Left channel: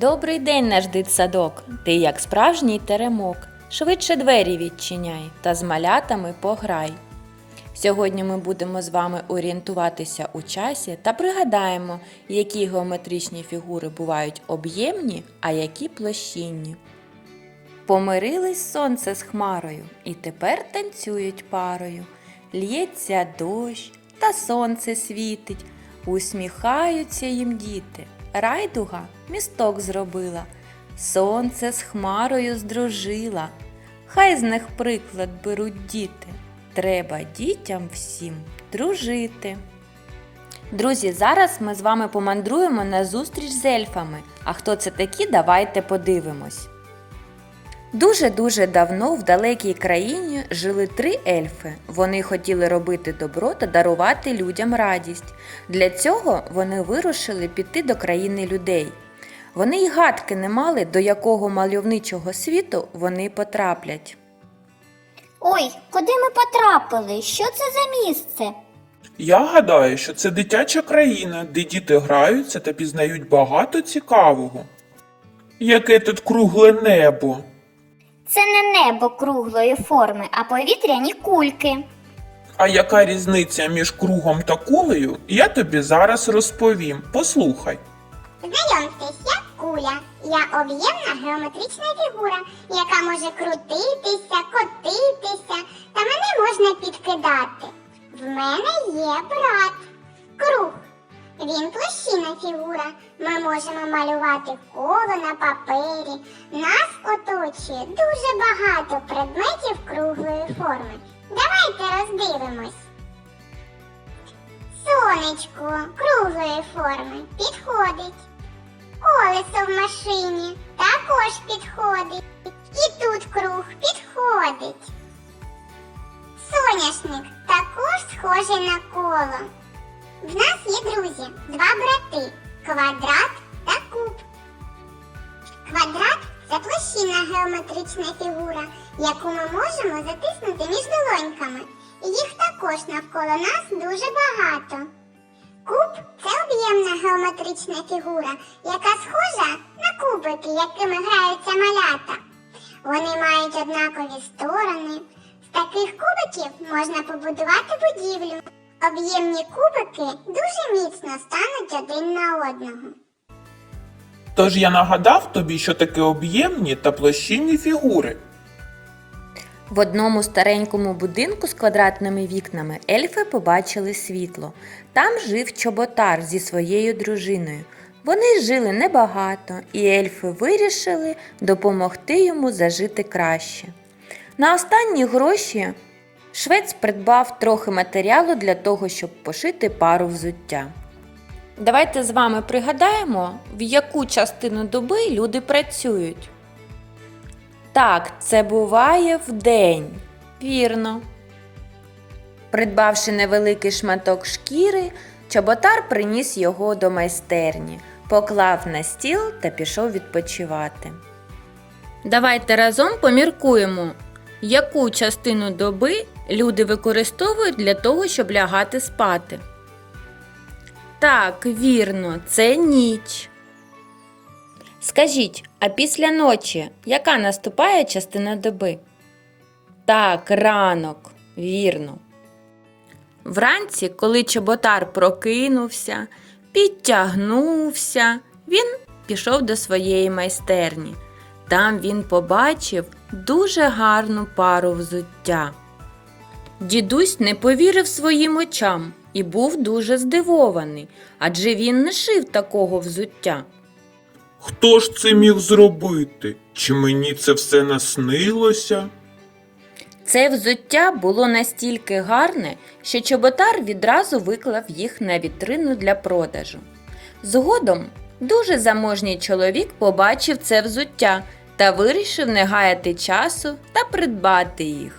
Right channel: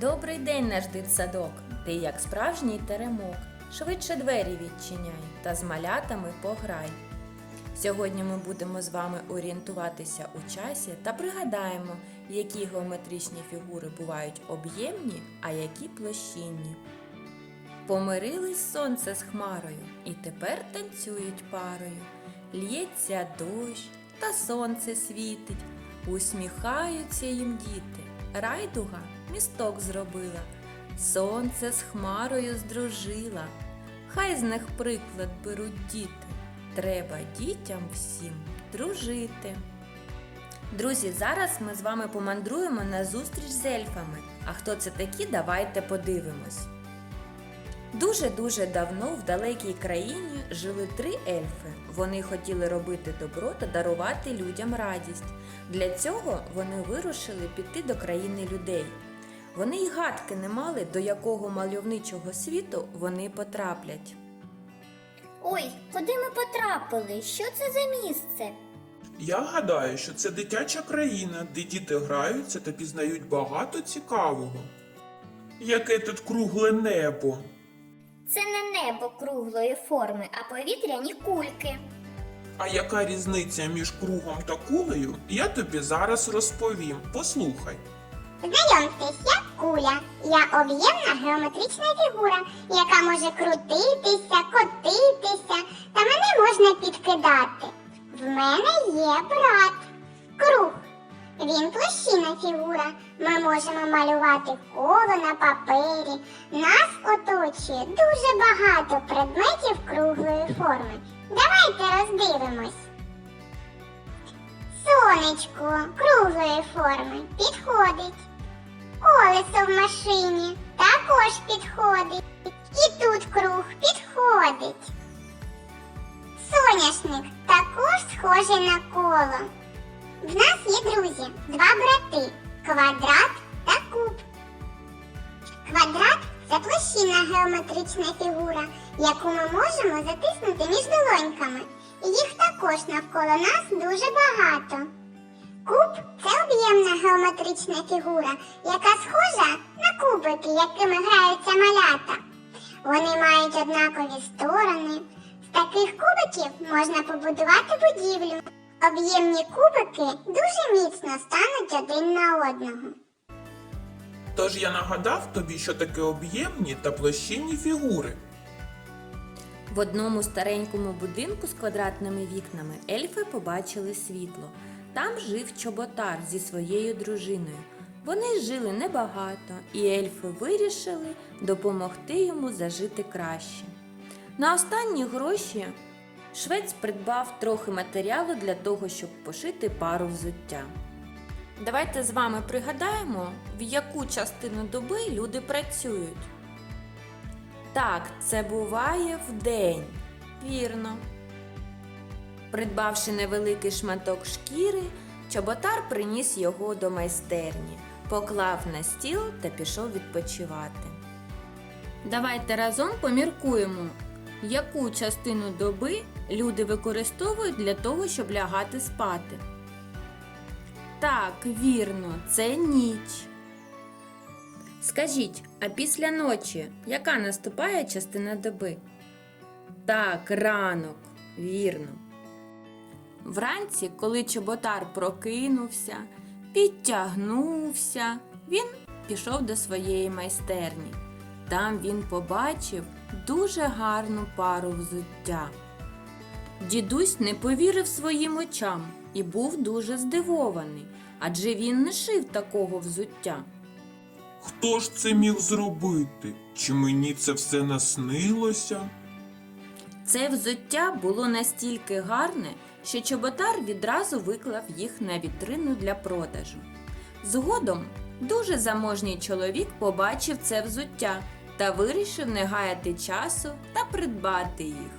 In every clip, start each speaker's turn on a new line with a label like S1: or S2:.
S1: Добрий день, наш дитсадок. Ти як справжній теремок. Швидше двері відчиняй та з малятами пограй. Сьогодні ми будемо з вами орієнтуватися у часі та пригадаємо, які геометричні фігури бувають об'ємні, а які площинні. Помирились сонце з хмарою, і тепер танцюють парою. Л'ється дощ, та сонце світить, усміхаються їм діти. Райдуга місток зробила, сонце з хмарою здружила. Хай з них приклад беруть діти. Треба дітям всім дружити. Друзі, зараз ми з вами помандруємо на зустріч з ельфами. А хто це такі, давайте подивимось. Дуже-дуже давно в далекій країні жили три ельфи. Вони хотіли робити добро та дарувати людям радість. Для цього вони вирушили піти до країни людей. Вони й гадки не мали, до якого мальовничого світу вони потраплять.
S2: Ой, куди ми потрапили? Що це за місце?
S3: Я гадаю, що це дитяча країна, де діти граються та пізнають багато цікавого. Яке тут кругле небо.
S2: Це не небо круглої форми, а повітряні кульки.
S3: А яка різниця між кругом та кулею, я тобі зараз розповім. Послухай.
S4: Знайомтесь, я куля. Я об'ємна геометрична фігура, яка може крутитися, котитися, та мене можна підкидати. В мене є брат. Круг. Він площина фігура. Ми можемо малювати коло на папері. Нас оточує дуже багато предметів круглої форми. Давайте роздивимось. Сонечко круглої форми підходить. Колесо в машині також підходить. І тут круг підходить. Соняшник також схожий на коло. В нас є друзі, два брати квадрат та куб. Квадрат це площинна геометрична фігура, яку ми можемо затиснути між долоньками. Їх також навколо нас дуже багато. Куб це об'ємна геометрична фігура, яка схожа на кубики, якими граються малята. Вони мають однакові сторони. З таких кубиків можна побудувати будівлю. Об'ємні кубики дуже міцно стануть один на одного.
S3: Тож я нагадав тобі, що таке об'ємні та площинні фігури.
S1: В одному старенькому будинку з квадратними вікнами ельфи побачили світло. Там жив чоботар зі своєю дружиною. Вони жили небагато, і ельфи вирішили допомогти йому зажити краще. На останні гроші швець придбав трохи матеріалу для того, щоб пошити пару взуття. Давайте з вами пригадаємо, в яку частину доби люди працюють. Так, це буває вдень. Вірно. Придбавши невеликий шматок шкіри, чоботар приніс його до майстерні, поклав на стіл та пішов відпочивати. Давайте разом поміркуємо, яку частину доби люди використовують для того, щоб лягати спати. Так, вірно, це ніч. Скажіть, а після ночі яка наступає частина доби? Так, ранок, вірно. Вранці, коли чоботар прокинувся, підтягнувся, він пішов до своєї майстерні. Там він побачив дуже гарну пару взуття. Дідусь не повірив своїм очам і був дуже здивований, адже він не шив такого взуття.
S3: Хто ж це міг зробити? Чи мені це все наснилося?
S1: Це взуття було настільки гарне, що чоботар відразу виклав їх на вітрину для продажу. Згодом дуже заможній чоловік побачив це взуття та вирішив не гаяти часу та придбати їх.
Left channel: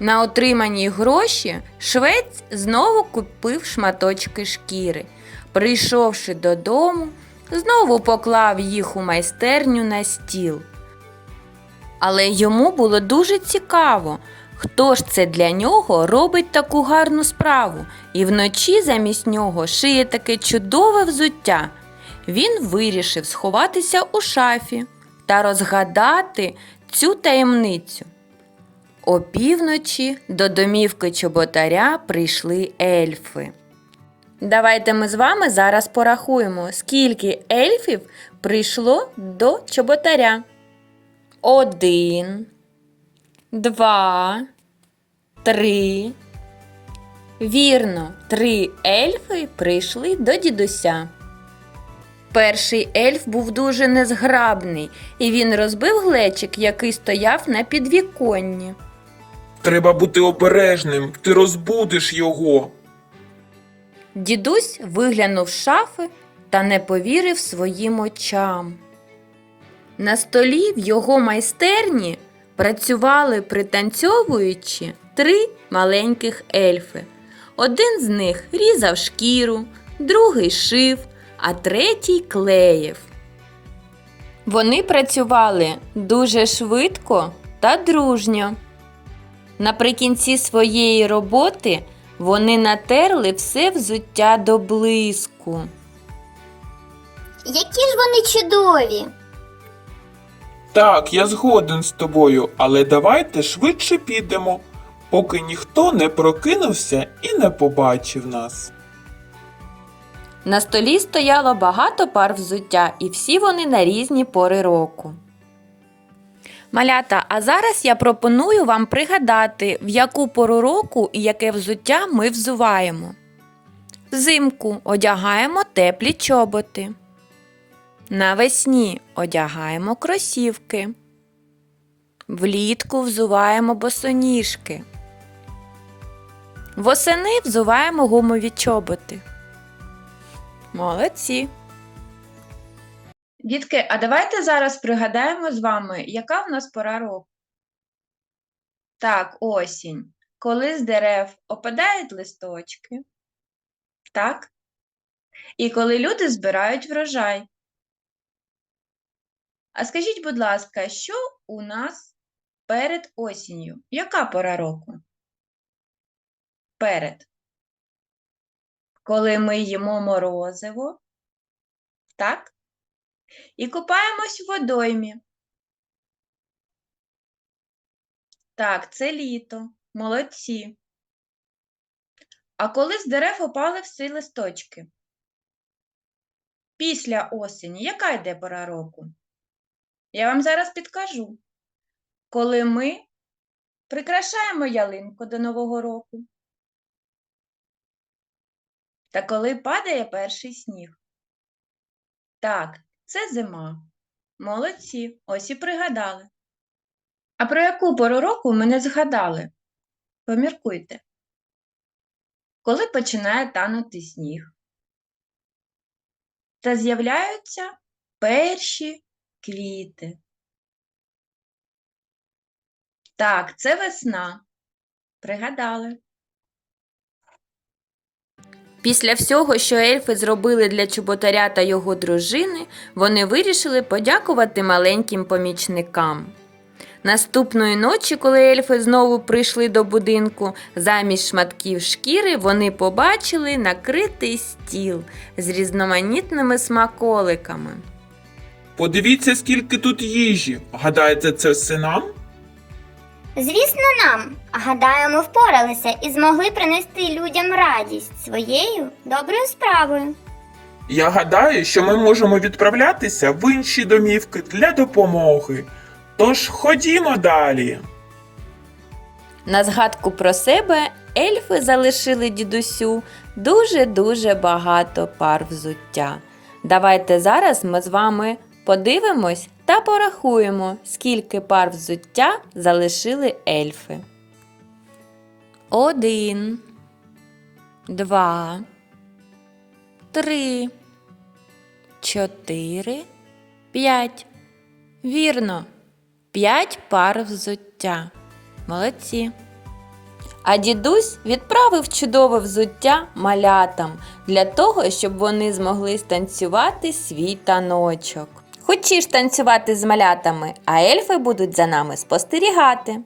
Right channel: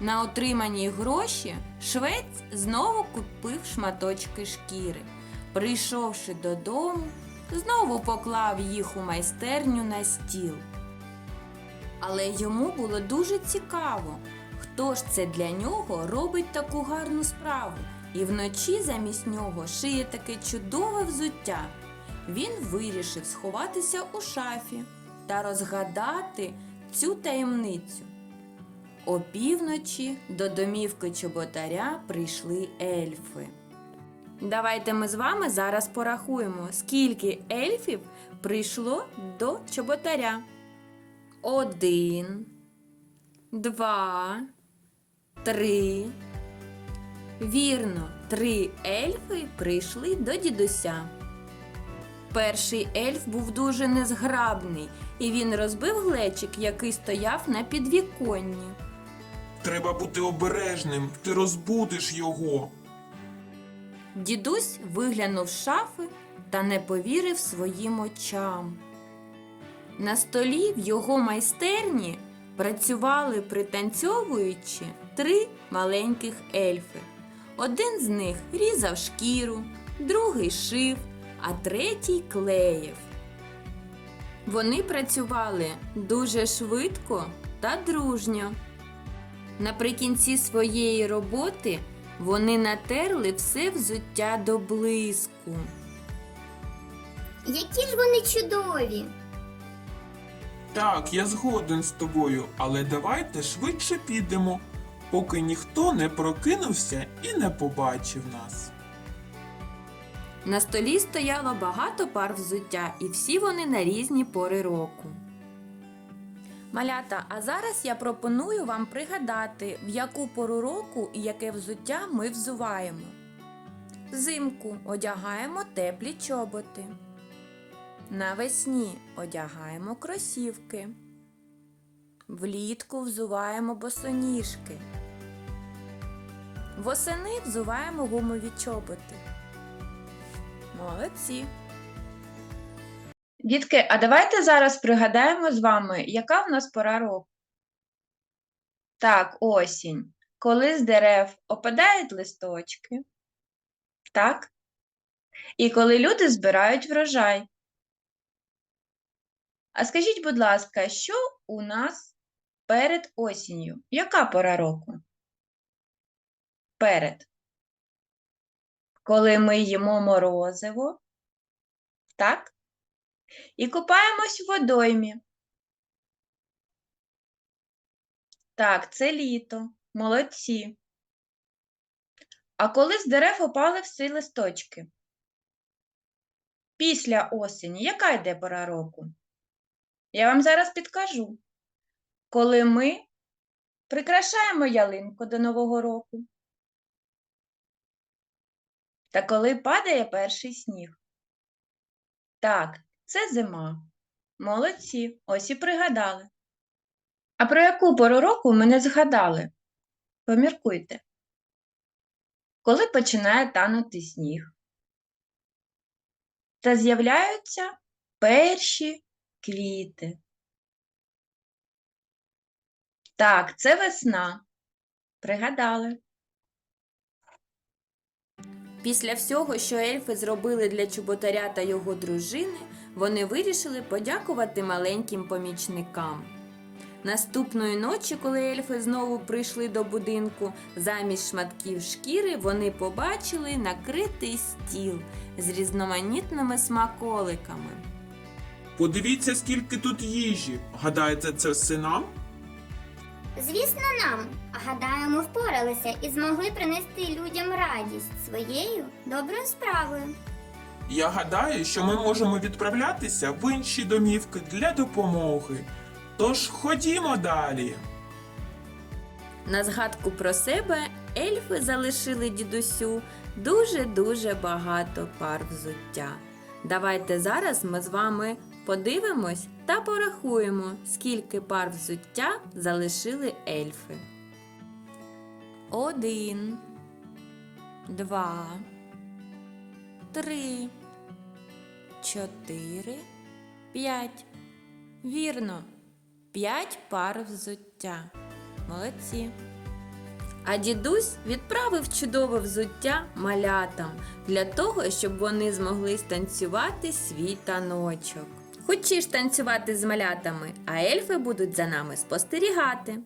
S1: На отримані гроші швець знову купив шматочки шкіри. Прийшовши додому, знову поклав їх у майстерню на стіл. Але йому було дуже цікаво, хто ж це для нього робить таку гарну справу і вночі замість нього шиє таке чудове взуття. він вирішив сховатися у шафі та розгадати цю таємницю. Опівночі до домівки чоботаря прийшли ельфи. Давайте ми з вами зараз порахуємо, скільки ельфів прийшло до чоботаря. Один, два, три. Вірно, три ельфи прийшли до дідуся. Перший ельф був дуже незграбний, і він розбив глечик, який стояв на підвіконні.
S3: Треба бути обережним, ти розбудиш його.
S1: Дідусь виглянув з шафи та не повірив своїм очам. На столі в його майстерні працювали, пританцьовуючи, три маленьких ельфи. Один з них різав шкіру, другий шив, а третій клеїв. Вони працювали дуже швидко та дружньо. Наприкінці своєї роботи вони натерли все взуття до блиску.
S2: Які ж вони чудові!
S3: Так, я згоден з тобою, але давайте швидше підемо, поки ніхто не прокинувся і не побачив нас.
S1: На столі стояло багато пар взуття, і всі вони на різні пори року. Малята, а зараз я пропоную вам пригадати, в яку пору року і яке взуття ми взуваємо. Взимку одягаємо теплі чоботи. Навесні одягаємо кросівки. Влітку взуваємо босоніжки. Восени взуваємо гумові чоботи. Молодці. Дітки, а давайте зараз пригадаємо з вами, яка в нас пора року. Так, осінь. Коли з дерев опадають листочки. Так? І коли люди збирають врожай. А скажіть, будь ласка, що у нас перед осінню? Яка пора року? Перед. Коли ми їмо морозиво. Так? І купаємось в водоймі. Так, це літо. Молодці. А коли з дерев опали всі листочки? Після осені, яка йде пора року? Я вам зараз підкажу. Коли ми прикрашаємо ялинку до Нового року. Та коли падає перший сніг. Так, це зима. Молодці, ось і пригадали. А про яку пору року ми не згадали? Поміркуйте. Коли починає танути сніг? Та з'являються перші квіти. Так, це весна. Пригадали. Після всього, що ельфи зробили для чоботаря та його дружини, вони вирішили подякувати маленьким помічникам. Наступної ночі, коли ельфи знову прийшли до будинку, замість шматків шкіри вони побачили накритий стіл з різноманітними смаколиками.
S3: Подивіться, скільки тут їжі. Гадаєте, це все нам?
S2: Звісно, нам. Гадаю, ми впоралися і змогли принести людям радість своєю доброю справою.
S3: Я гадаю, що ми можемо відправлятися в інші домівки для допомоги. Тож ходімо далі.
S1: На згадку про себе ельфи залишили дідусю дуже-дуже багато пар взуття. Давайте зараз ми з вами подивимось та порахуємо, скільки пар взуття залишили ельфи. Один, два, три, чотири, п'ять. Вірно, п'ять пар взуття. Молодці. А дідусь відправив чудове взуття малятам для того, щоб вони змогли станцювати свій таночок. Хочеш танцювати з малятами, а ельфи будуть за нами спостерігати.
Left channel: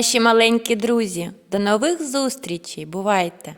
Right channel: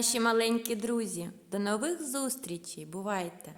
S1: Наші маленькі друзі. До нових зустрічей. Бувайте!